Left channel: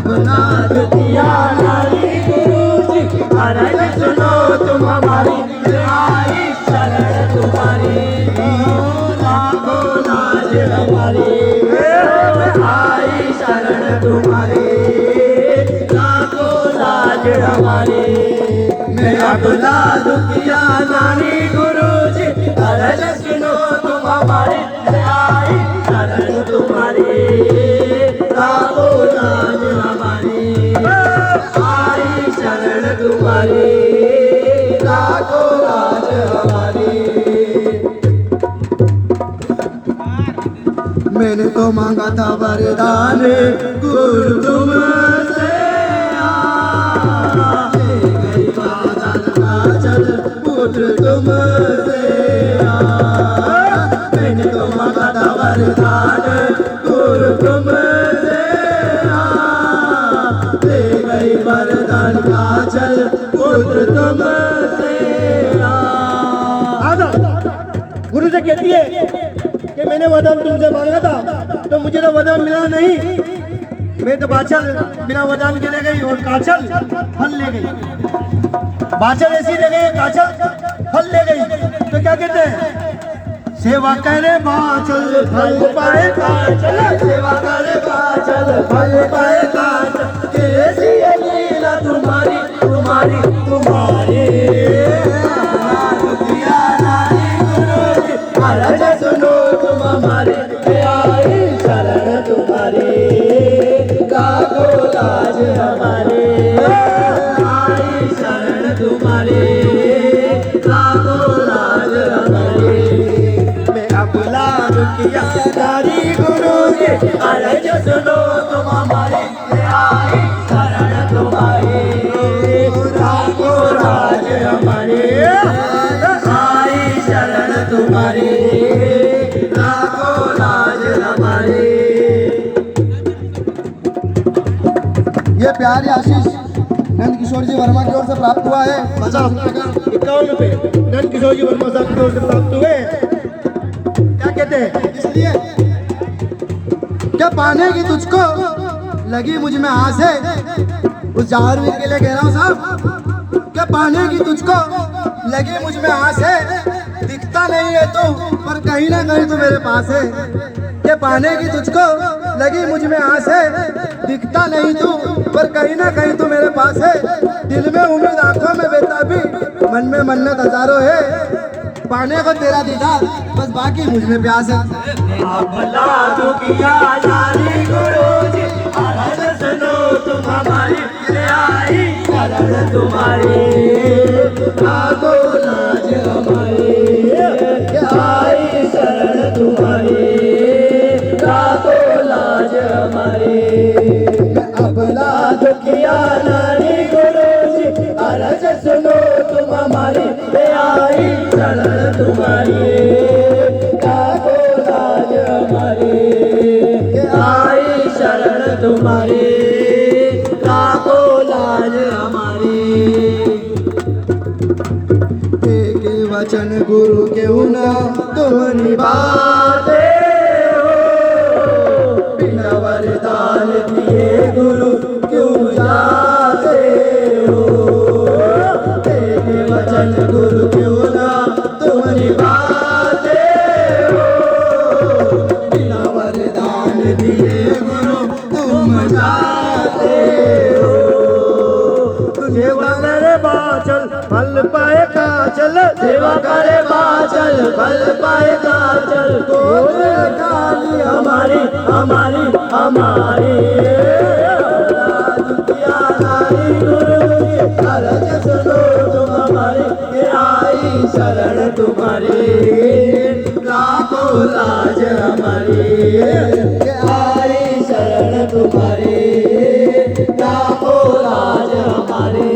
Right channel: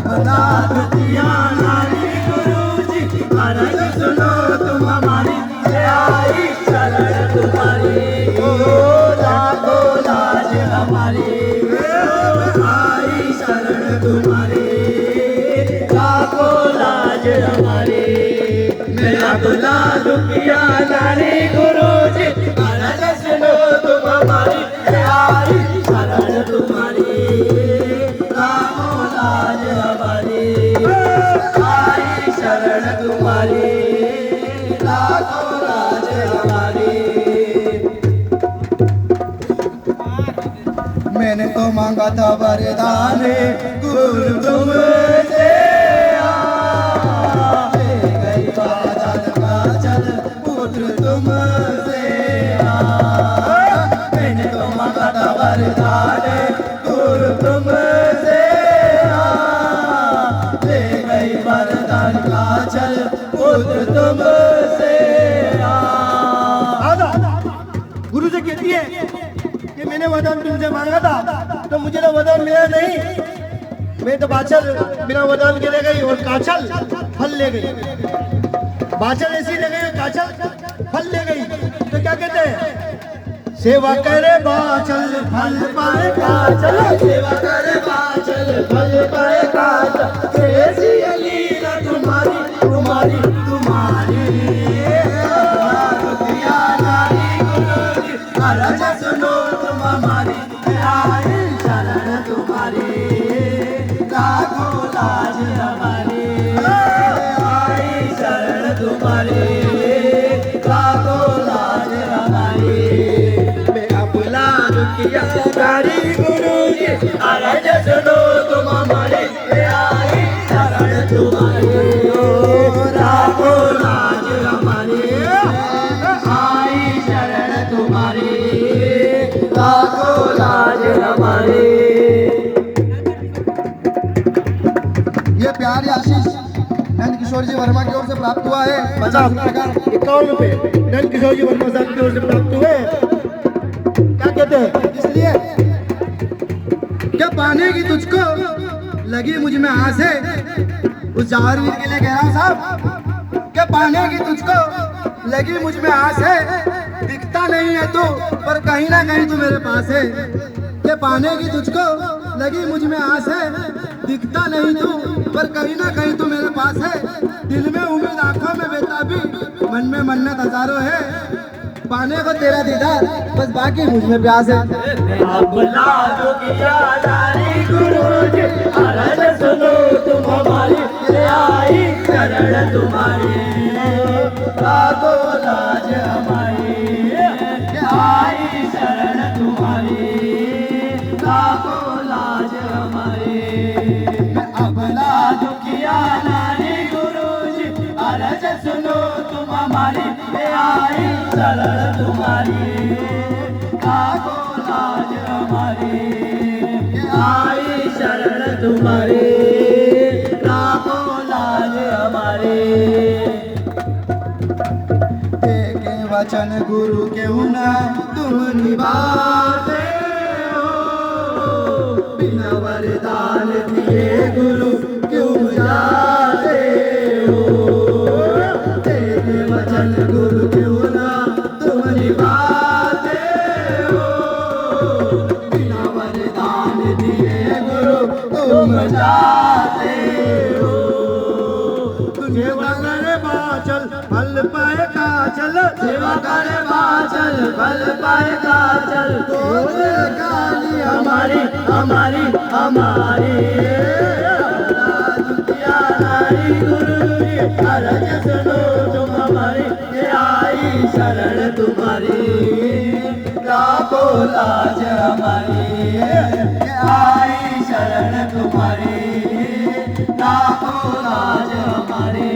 अपना दुखिया नारी गुरुजी अरज सुनो तुम हमारी आई शरण तुम्हारी ओ लाखों लाज हमारी आई शरण तुम्हारी लाखों लाज हमारी मेरा बुला दुखिया नारी गुरुजी अरज सुनो तुम हमारी आई शरण तुम्हारी लाखों लाज हमारी आई शरण तुम्हारी लाखों लाज हमारी। मैंने तो मांगा था वरदान गुरु तुमसे पुत्र तुमसे मैंने तो मांगा था वरदान गुरु तुमसे ले गई वरदान का चल पुत्र तुमसे। गुरु से कहती है कि मैंने वरदान तुमसे मांगा था तो मुझे तो वरदान मिला नहीं। मैं तो बाछल बिना वरदान के ले गई और काछल फल ले गई। बाछल ऐसी ले गई, काछल फल ले गई। तो क्या कहते हैं? सेवा करे बाछल फल पाए काछल, सेवा करे बाछल फल पाए काछल कैसी है लीला तुम्हारी तुम्हारी तुम्हारी दुखिया नारी गुरुजी अरज सुनो तुम हमारी आई शरण तुम्हारी लाखों लाज हमारी आई शरण तुम्हारी लाखों लाज हमारी। मेरा बुला दुखिया नारी गुरुजी अरज सुनो तुम हमारे आई शरण तुम्हारी लाखों लाज हमारी आई शरण तुम्हारी लाखों लाज हमारी। ये प्यार या आशीष नंद किशोर जी वर्मा की ओर से प्राप्त हुआ है। 50 रुपए का 51 रुपए नंद किशोर जी वर्मा साहब की ओर से प्राप्त हुए। क्या कहते हैं? इसलिए क्या पाने की तुझको लगी मुझ में आस है। उस जाहरवीर के लिए कह रहा हूँ साहब, क्या पाने की तुझको लगी मुझ में आस है। दिखता नहीं है तो पर कहीं ना कहीं तू मेरे पास है। क्या पाने की तुझको लगी मुझ में आस है। दिखता नहीं तू पर कहीं ना कहीं तू मेरे पास है। दिल में उम्मीद आंखों में बेताबी मन में मन्नत हजारों है। पाने को तेरा दीदार बस बाकी मुझ में प्यास है। बुला दुखिया नारी गुरुजी अरज सुनो तुम हमारी आई शरण तुम्हारी लाखों लाज हमारी आई शरण तुम्हारी लाखों लाज हमारी। बुला दुखिया नारी गुरुजी अरज सुनो तुम हमारी आई शरण तुम्हारी लाखों लाज हमारी आई शरण तुम्हारी लाखों लाज हमारी। के वचन गुरु क्यों ना तुम निभाते हो। बिना वरदान दिए गुरु क्यों जाते हो। तेरे वचन गुरु क्यों ना तुम निभाते हो। बिना वरदान दिए गुरु तुम जाते हो। सेवा करे बाछल फल पाए काछल, सेवा करे बाछल फल पाए काछल गोद काली हमारी हमारी हमारी। दुखिया नारी गुरुजी अरज सुनो तुम हमारी आई शरण तुम्हारी लाखों लाज हमारी आई शरण तुम्हारी लाखों लाज हमारी।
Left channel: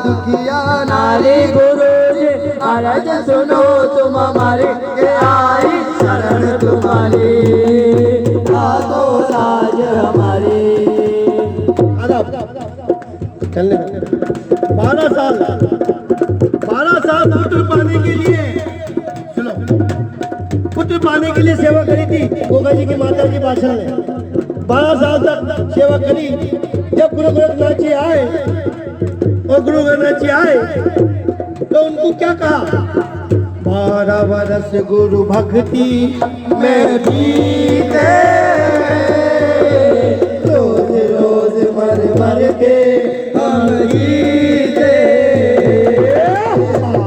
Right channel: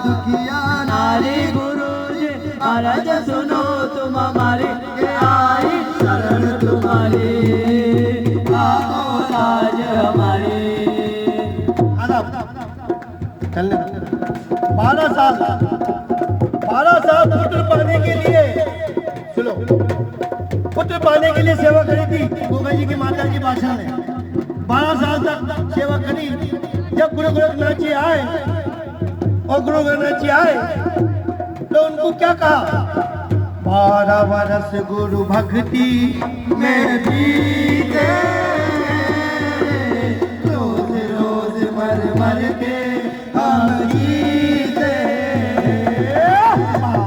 दुखिया नारी गुरुजी अरज सुनो तुम हमारी आई शरण तुम्हारी लाखों लाज हमारी। 12 साल पुत्र पाने के लिए, सुनो, पुत्र पाने के लिए सेवा करी थी गोगा जी की माता जी बादशाह ने। 12 साल तक तक सेवा करी। जब गुरु गोरखनाथ जी आए और गुरु गोरखनाथ जी आए तो उनको क्या कहा? 12 वर्ष गुरु भक्ति में बीते, रोज रोज मर मर के हम जीते।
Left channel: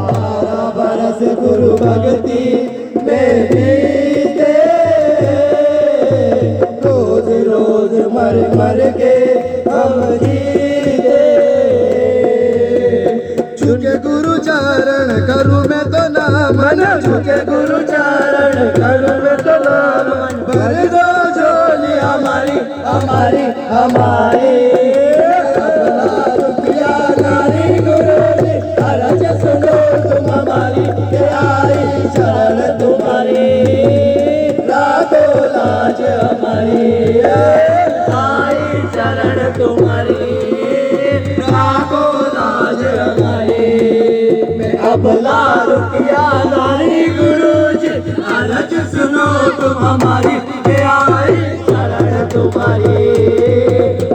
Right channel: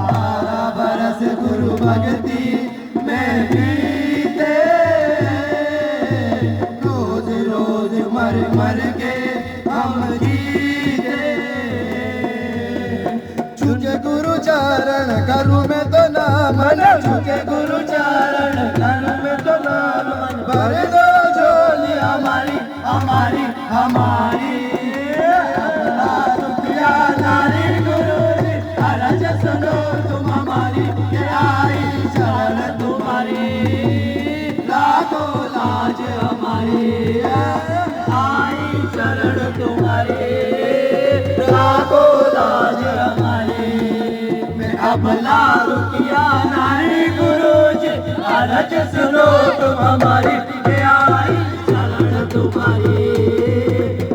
12 वर्ष गुरु भक्ति में बीते, रोज रोज मर मर के हम जीते। झुके गुरु चरण करूं मैं तो नाम, झुके गुरु चरण करूं मैं तो नाम, भर दो झोली हमारी हमारी हमारी। अपना रुपया नारी गुरु जी, अरज सुनो तुम हमारी, ये आई शरण तुम्हारी, लाखो लाज हमारी, आई शरण तुम्हारी, लाखो लाज हमारी। मैं अबला रुपया नारी गुरु जी, अरज सुनो तुम हमारी, ये आई शरण तुम्हारी,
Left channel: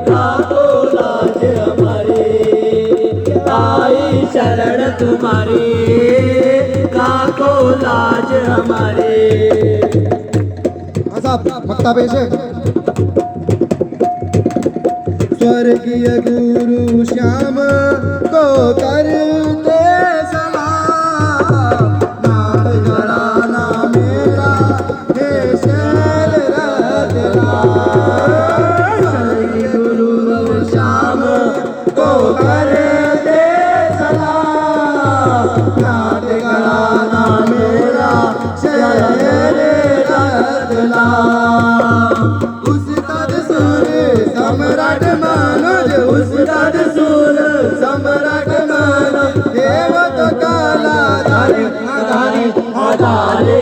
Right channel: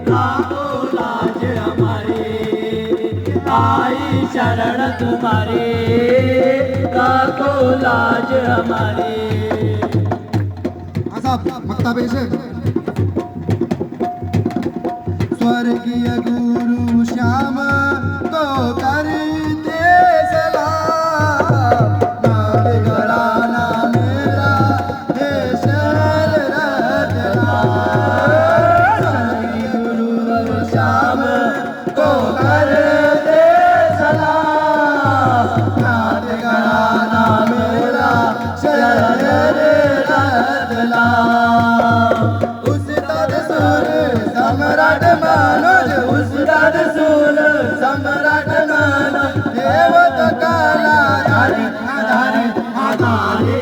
लाखो लाज हमारी, आई शरण तुम्हारी, लाखो लाज हमारी। हाँ साहब मक्ता पेश है। स्वर्गीय गुरु श्याम को करते सलाम, नाथ घराना मेरा है शैल रतला। स्वर्गीय गुरु श्याम को करते सलाम, नाथ घराना मेरा शैल रतला। उस्ताद सुर सम्राट मनोज, उस्ताद सुर सम्राट मनोज, देवत कलाधारी आधारी आधारे।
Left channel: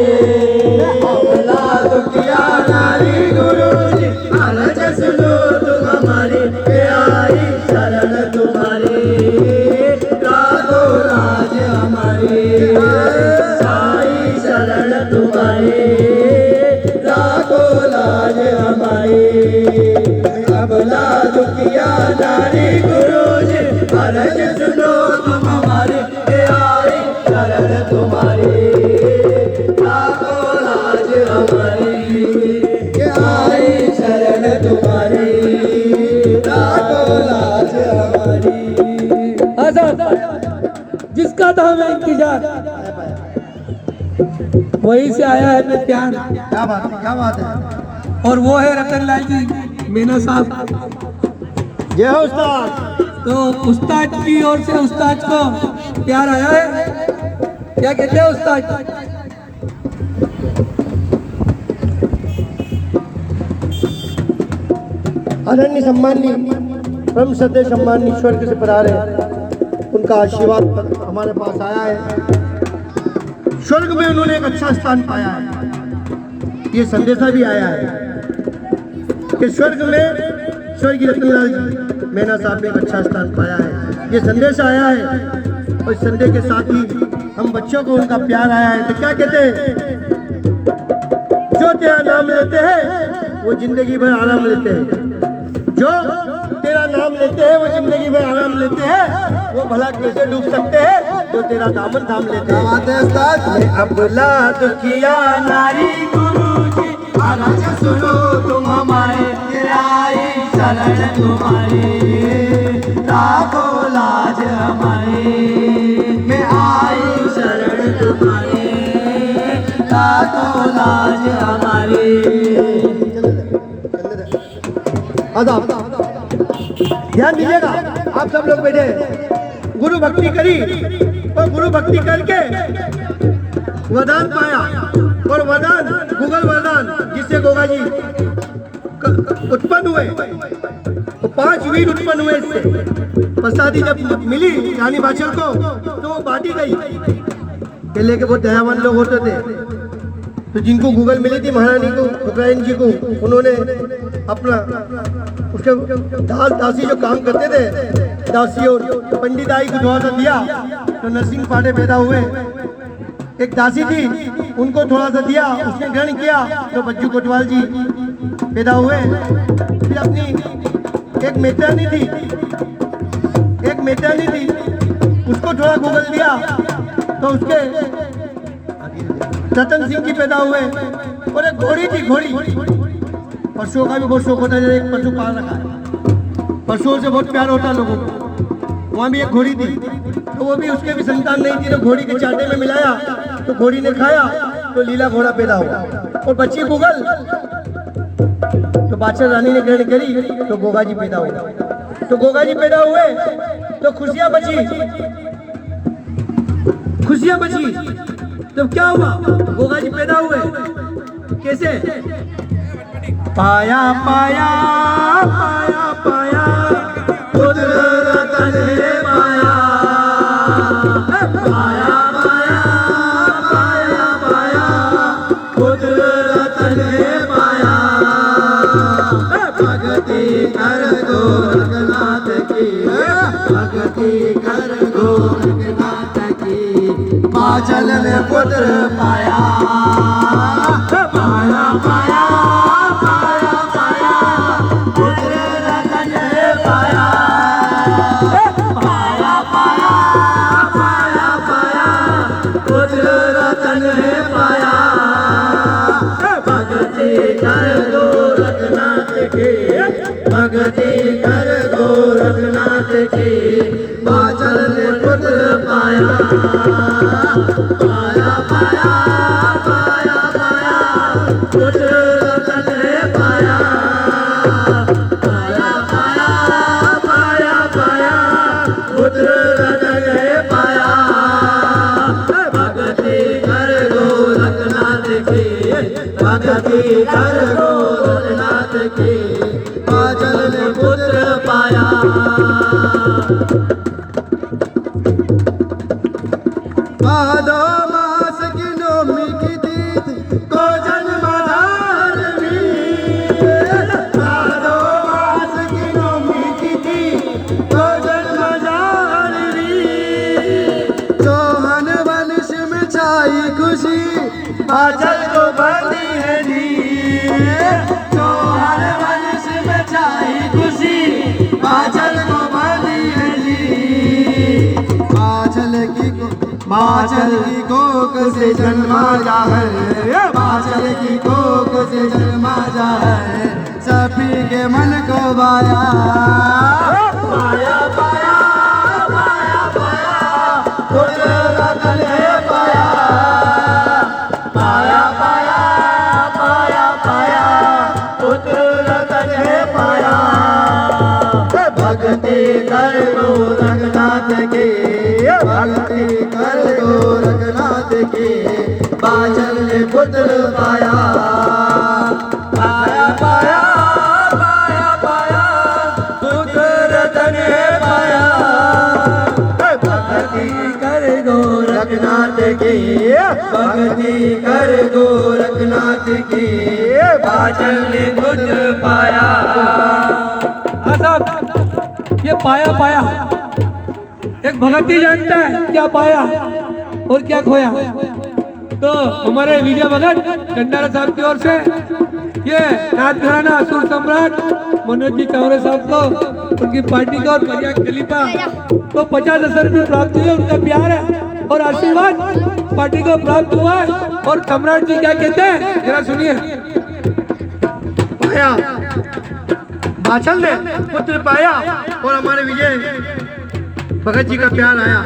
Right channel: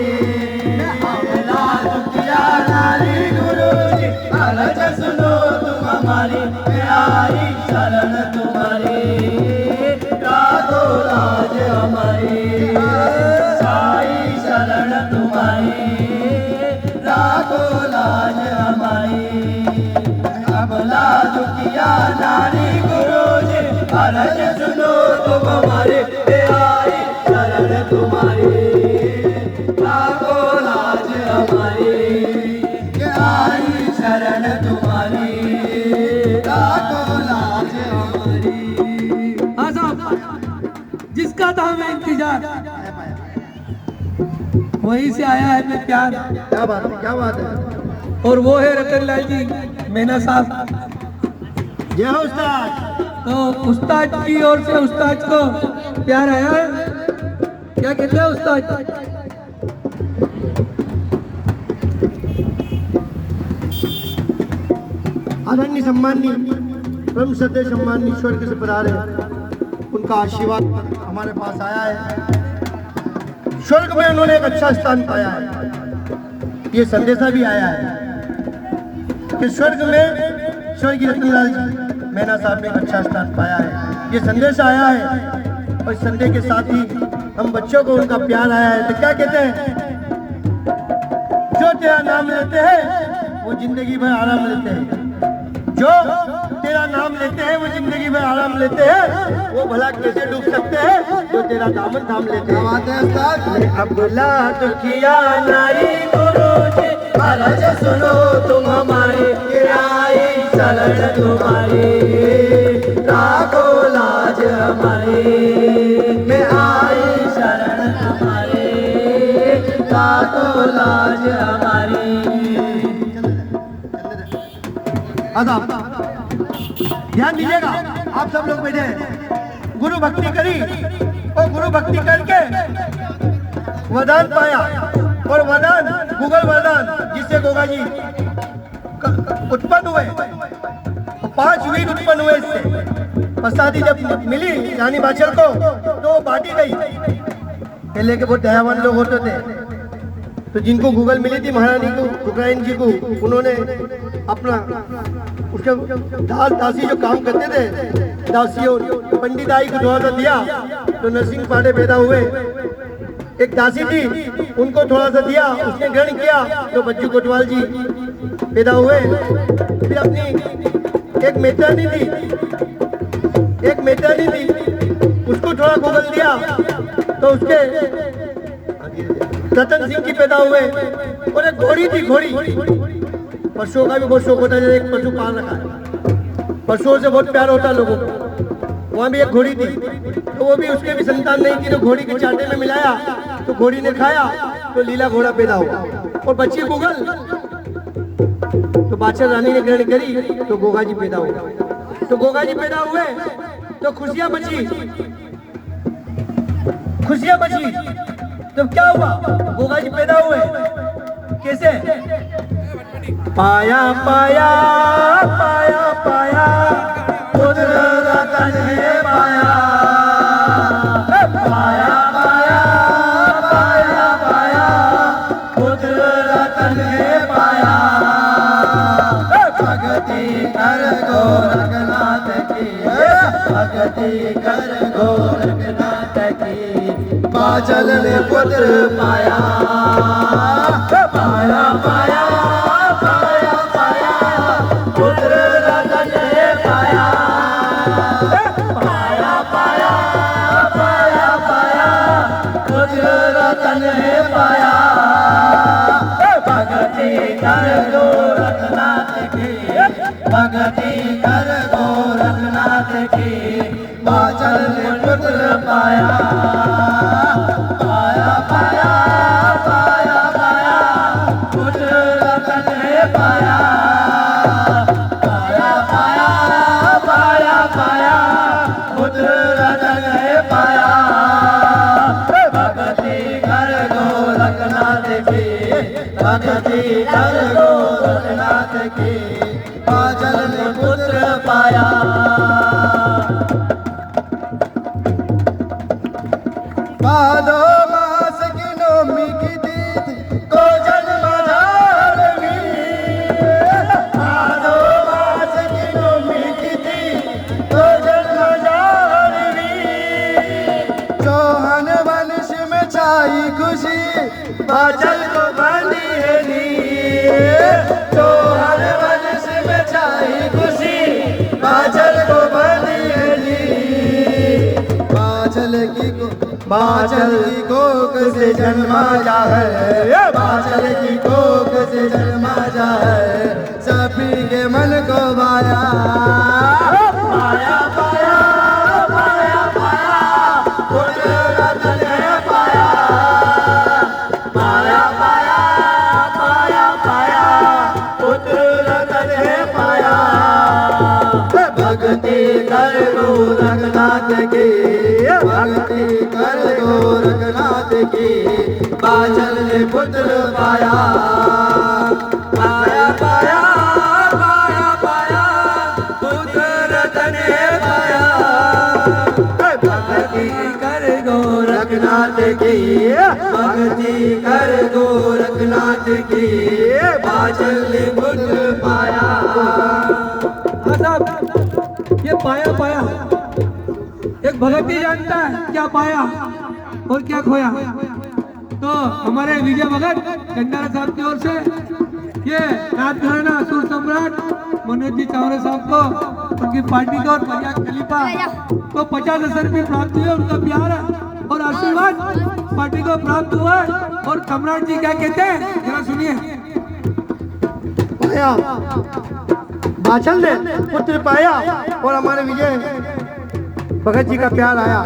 अबला रुपया नारी गुरु जी, अरज सुनो तुम हमारी, ये आई शरण तुम्हारी, लाखो लाज हमारी, आई शरण तुम्हारी, लाखो लाज हमारी। अबला रुपया नारी गुरु जी, अरज सुनो तुम हमारे, ये आई शरण तुम्हारी, लाखो लाज हमारी, ये आई शरण तुम्हारी, लाखो लाज हमारी। जिसका था हमें इंतजार, वहीं से आया है मैं प्यार, क्या बात है, क्या बात है। और वो है रतन लाल जी मेना साहब। जय हो उस्ताद। तो उस्ताद की ओर से उस्ताद को प्यार आया है, क्या कहते हैं उस्ताद? आदरणीय सम्मानी परम श्रद्धेय सम्मानी स्वर्ग से पधारे, उनका आशीर्वाद हमारे पास आया है। स्वर्ग में उन्होंने एक अच्छा स्थान पाया है। ये संदेशा भी आया है कि स्वर्ग में स्वर्गीय रतनलाल जी मेना साहब ने एक अच्छा स्थान पाया है। ये संदेश आया है और संदेश के साथ ही हम बच्चों को उनका प्यार आया है। तो क्या कहते हैं? जो तेरा नाम लेते हैं वो जिंदगी भर आराम लेते हैं, जो तेरा नाम लेते हैं वो जिंदगी भर आराम लेते हैं, वो भला कैसे डूब सकते हैं जो तेरा दामन थाम लेते हैं। बात है उस्ताद। अबला दुखिया नारी गुरु जी, अरज सुनो तुम हमारे, ये आई शरण तुम्हारी, लाखो लाज हमारी, मैं आई शरण तुम्हारी, लाखो लाज हमारी। ध्यान दीजिएगा, आप सब लोग बैठे, गुरु भक्ति करी और गुरु भक्ति करके वरदान पाया, और वरदान गूगल वरदान जिससे गोगा जी उत्पन्न हुए, तो 5 वीर उत्पन्न हुए इससे। प्रसादी जब मिली रानी बाचल को तो वो बांटी गई। पहले के बहुत दयावान लोग होते थे, तो जिनको गूगल मिली थी महारानी को, रुक्राइन जी को, उन्होंने अपना उसके दासी जो काम करते थे, दासी और पंडित आई को थोड़ा सा दिया, तो नरसिंह पांडे पैदा हुए। एक दासी थी, उनको थोड़ा सा दिया, उसने ग्रहण किया, तो बच्चू कोतवाल जी पैदा हुए। फिर अपनी एक मेजरानी थी, उसको थोड़ा गोबर दिया तो उसके रतन सिंह की पैदा हुए। और एक घोड़ी थी, पशुओं का भी बहुत शौक होता है, एक पशु पाल रखा है, पशुओं से बहुत प्यार होता है लोगों को। वहाँ भी एक घोड़ी थी, तो वो भी उसके भी संतान नहीं थी, तो घोड़ी के चाटे में मिलाया तो घोड़ी ने खाया तो लीला घोड़ा पैदा हुआ। और बच्ची बुगल, तो बादशाह रानी ने ग्रहण करी तो गोगा जी पैदा हुआ। तो गोगा जी पैदा हुए तो खुशियां बची। तो क्या हुआ, गोगा जी पैदा हुए कैसे? पाया पाया पाया पाया पुत्र रतन है पाया, पाया पाया पाया पाया पुत्र रतन है पाया। भगति कर गोरखनाथ की, भगति कर गोरखनाथ की, बाचल ने पुत्र पाया। पाया पाया पाया पाया पुत्र रतन है पाया, पाया पाया पाया पाया पुत्र रतन है पाया। भगति कर गोरखनाथ की, भगति कर गोरखनाथ की, बाचल ने पुत्र पाया। पाया पाया पाया पाया पुत्र रतन है पाया, पाया पाया पाया पाया पुत्र रतन है पाया। भगति कर गोरखनाथ की, भगति कर गोरखनाथ की, बाचल ने पुत्र पाया। भादो मास की नवमी की तीज को जन्म धारवी, भादो मास की नवमी की तीज को जन्म धारवी, चौहान वंश में छाई खुशी, बाचल को बंदी है दी। चौहान वंश में छाई खुशी, बाचल को बंदी है दी। बाचल की कोख से जन्मा जा है, बाचल की कोख से जन्मा जा है, सभी के मन को भाया। पाया पाया पाया पाया पुत्र रतन है पाया, पाया पाया पाया पाया पुत्र रतन है पाया। भक्ति कर गोरखनाथ की, भक्ति कर गोरखनाथ की, बाचल ने पुत्र पाया। पाया पाया पाया पाया पुत्र रतन है पाया। भक्ति कर गोरखनाथ की, भक्ति कर गोरखनाथ की, बाचल ने पुत्र पाया। ये पाया एक भगती जानता है क्या पाया और क्या खोया। तो हमारे विजय भगत भंडारा साहब की ओर से ये नाथ घराना असुर सम्राट मनोज जी चावरे साहब को, उनकी पार्टी को और पंजाब खलीफा को 50,000 रुपये प्राप्त हुए। उनका प्यार है और आशीर्वाद पार्टी को प्राप्त हुआ है। और सम्राट जी क्या कहते हैं जरा सुनिए। पाया, बाचल ने पुत्र पाया और हमारे विजय भगत जी का प्यार आया।